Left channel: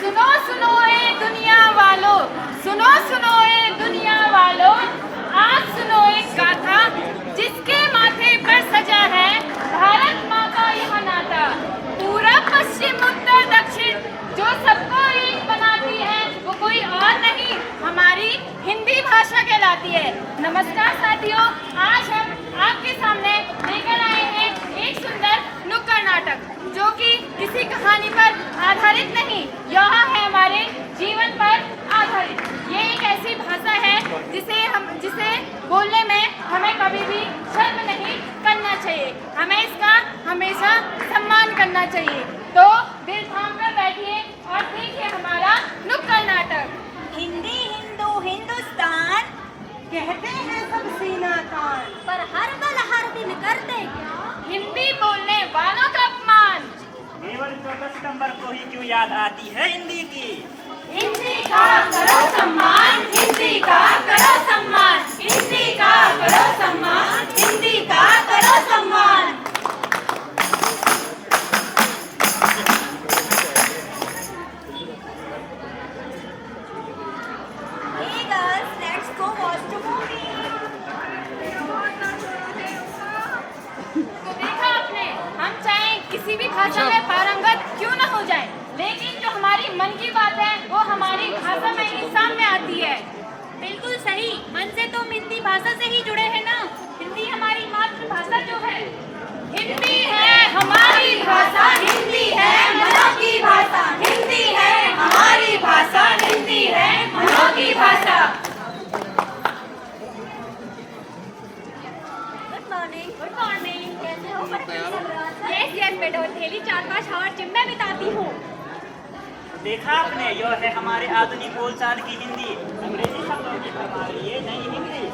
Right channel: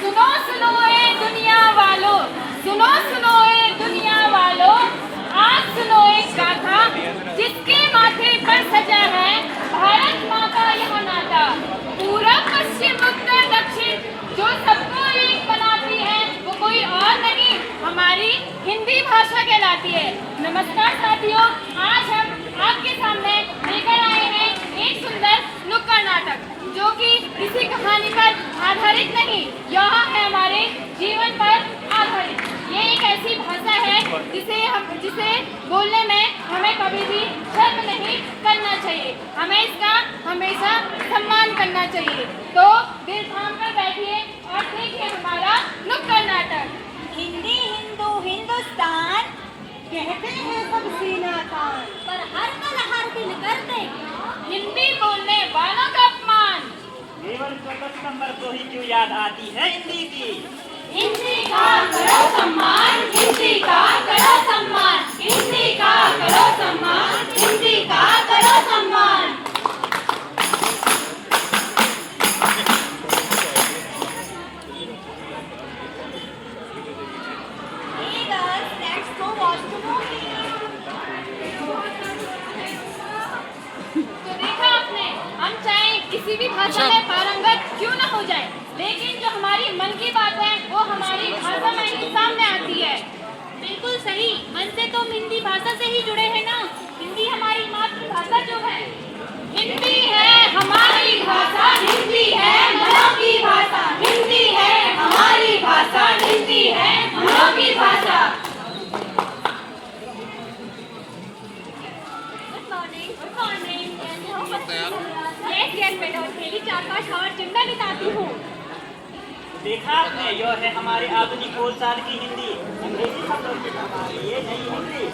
सुनो सुनो ए दुनिया वालों, सुनो सुनो ए दुनिया वालों, आज सुनो एक गाथा जिसके माथे पर सजा है भारत माँ का यह नाता। पूरब पश्चिम उत्तर दक्षिण जो सबको एक बनाती है वो कोई और नहीं हमारी हिंदी भाषा कहलाती है। नमस्कार साथियों, आज हम आपके सामने लेकर आए हैं एक सुंदर नुक्कड़ नाटक जो कि किसी कहानी पर आधारित नहीं, यह है हमारे जीवन पर आधारित। ये एक ऐसी भाषा है जिसे बोलने में हमें कभी भी शर्म नहीं करना चाहिए, हमें इसका हमेशा सम्मान करना चाहिए। तो दिल थाम कर बैठिए और देखिए हमारा नुक्कड़ नाटक। हिंदी हिंदू हिंदुस्तान कहते हैं सब सीना तान, पर हर पल हर दिन करते क्या? हिंदी बोलने वालों का अपमान। केवल 14 सितंबर को ही क्यों याद आती है हिंदी की? हिंदी का करो सम्मान, हिंदी का करो सम्मान, हिंदी का करो सम्मान, हिंदी का करो सम्मान। Hey girls, let's go watch the movie. तो देखा आपने, हम चाहे किसी भी भाषा में पारंगत क्यों न हो जाए, लेकिन जो हमारी मन की बात है वो हमारी भाषा में ही सामने आती है। बिल्कुल सही, मन से तो हम हिंदी भाषा से ही जुड़े हैं ना। हिंदी हमारी मातृभाषा जो है। हिंदी है हमारी भाषा, हिंदी है मनों की भाषा, हिंदी है हमारी भाषा, हिंदी है मनों की भाषा। गुड मॉर्निंग, कैसे हो? यस बेटा, डेली 4-5 आवर जिम में बिताती हूँ। देखा आपने, यह है हमारे आधुनिक बोलचाल की हिंदी। अंग्रेजी शब्दों की हमारी ये नई हिंदी।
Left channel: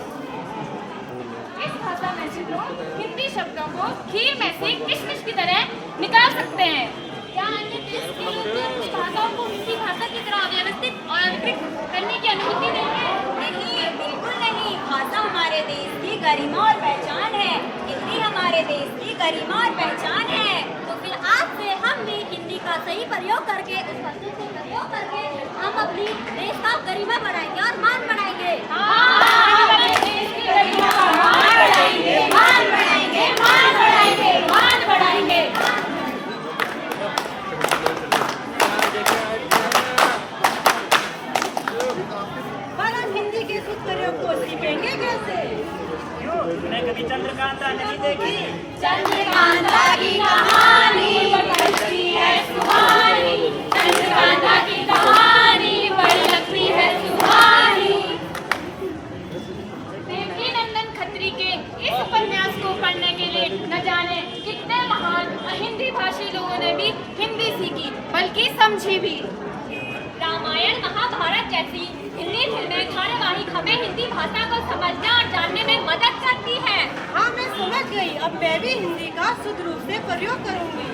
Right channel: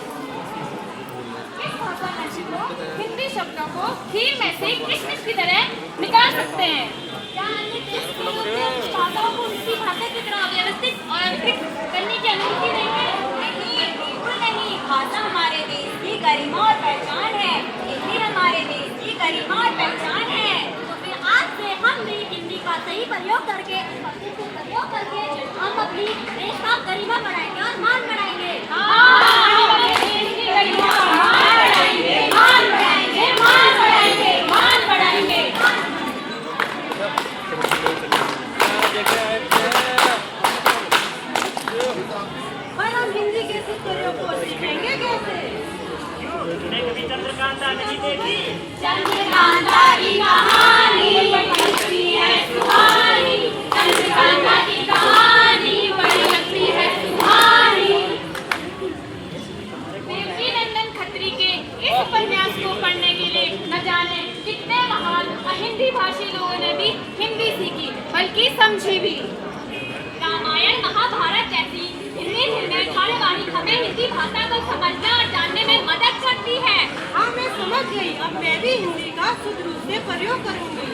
इस भाषा में से लोग हिंदी शब्दों को खीर में से किशमिश की तरह निकाल सकते हैं। क्या अन्य देश के लोग अपनी भाषाओं को हिंदी भाषा की तरह व्यवस्थित और अंकित करने की अनुमति नहीं है? नहीं, बिल्कुल नहीं। भाषा हमारे देश की गरिमा और पहचान है। हिंदी हमारे देश की गरिमा और पहचान है। तो फिर आज से हम भी हिंदी का सही प्रयोग करके, उपस्थित से प्रयोग करके हम अपनी देश का गरिमा बढ़ाएंगे और मान बढ़ाएंगे। मान बढ़ाएंगे, मान बढ़ाएंगे, मान बढ़ाएंगे, मान बढ़ाएंगे। पर हम हिंदी के इस प्रयोग को सीखेंगे कैसे? तुमने कभी चंद्रकांता नहीं देखी? चंद्रकांता की कहानी बड़ी लगती है सुहानी, चंद्रकांता की कहानी बड़ी लगती है सुहानी। देवकी नंदन खत्री के इस उपन्यास को पढ़ने के लिए न जाने कितने महान अहिंदी भाषी लोगों ने भी हिंदी सीखी, बल्कि समझी भी। रामायण महाभारत जैसी हिंदी निर्णय धारावाहिक हमें हिंदी भाषा को समझने और जानने में मदद करती है। हाँ, मैं समझ गई। अब मैं भी हिंदी का शुद्ध रूप से प्रयोग करूंगी।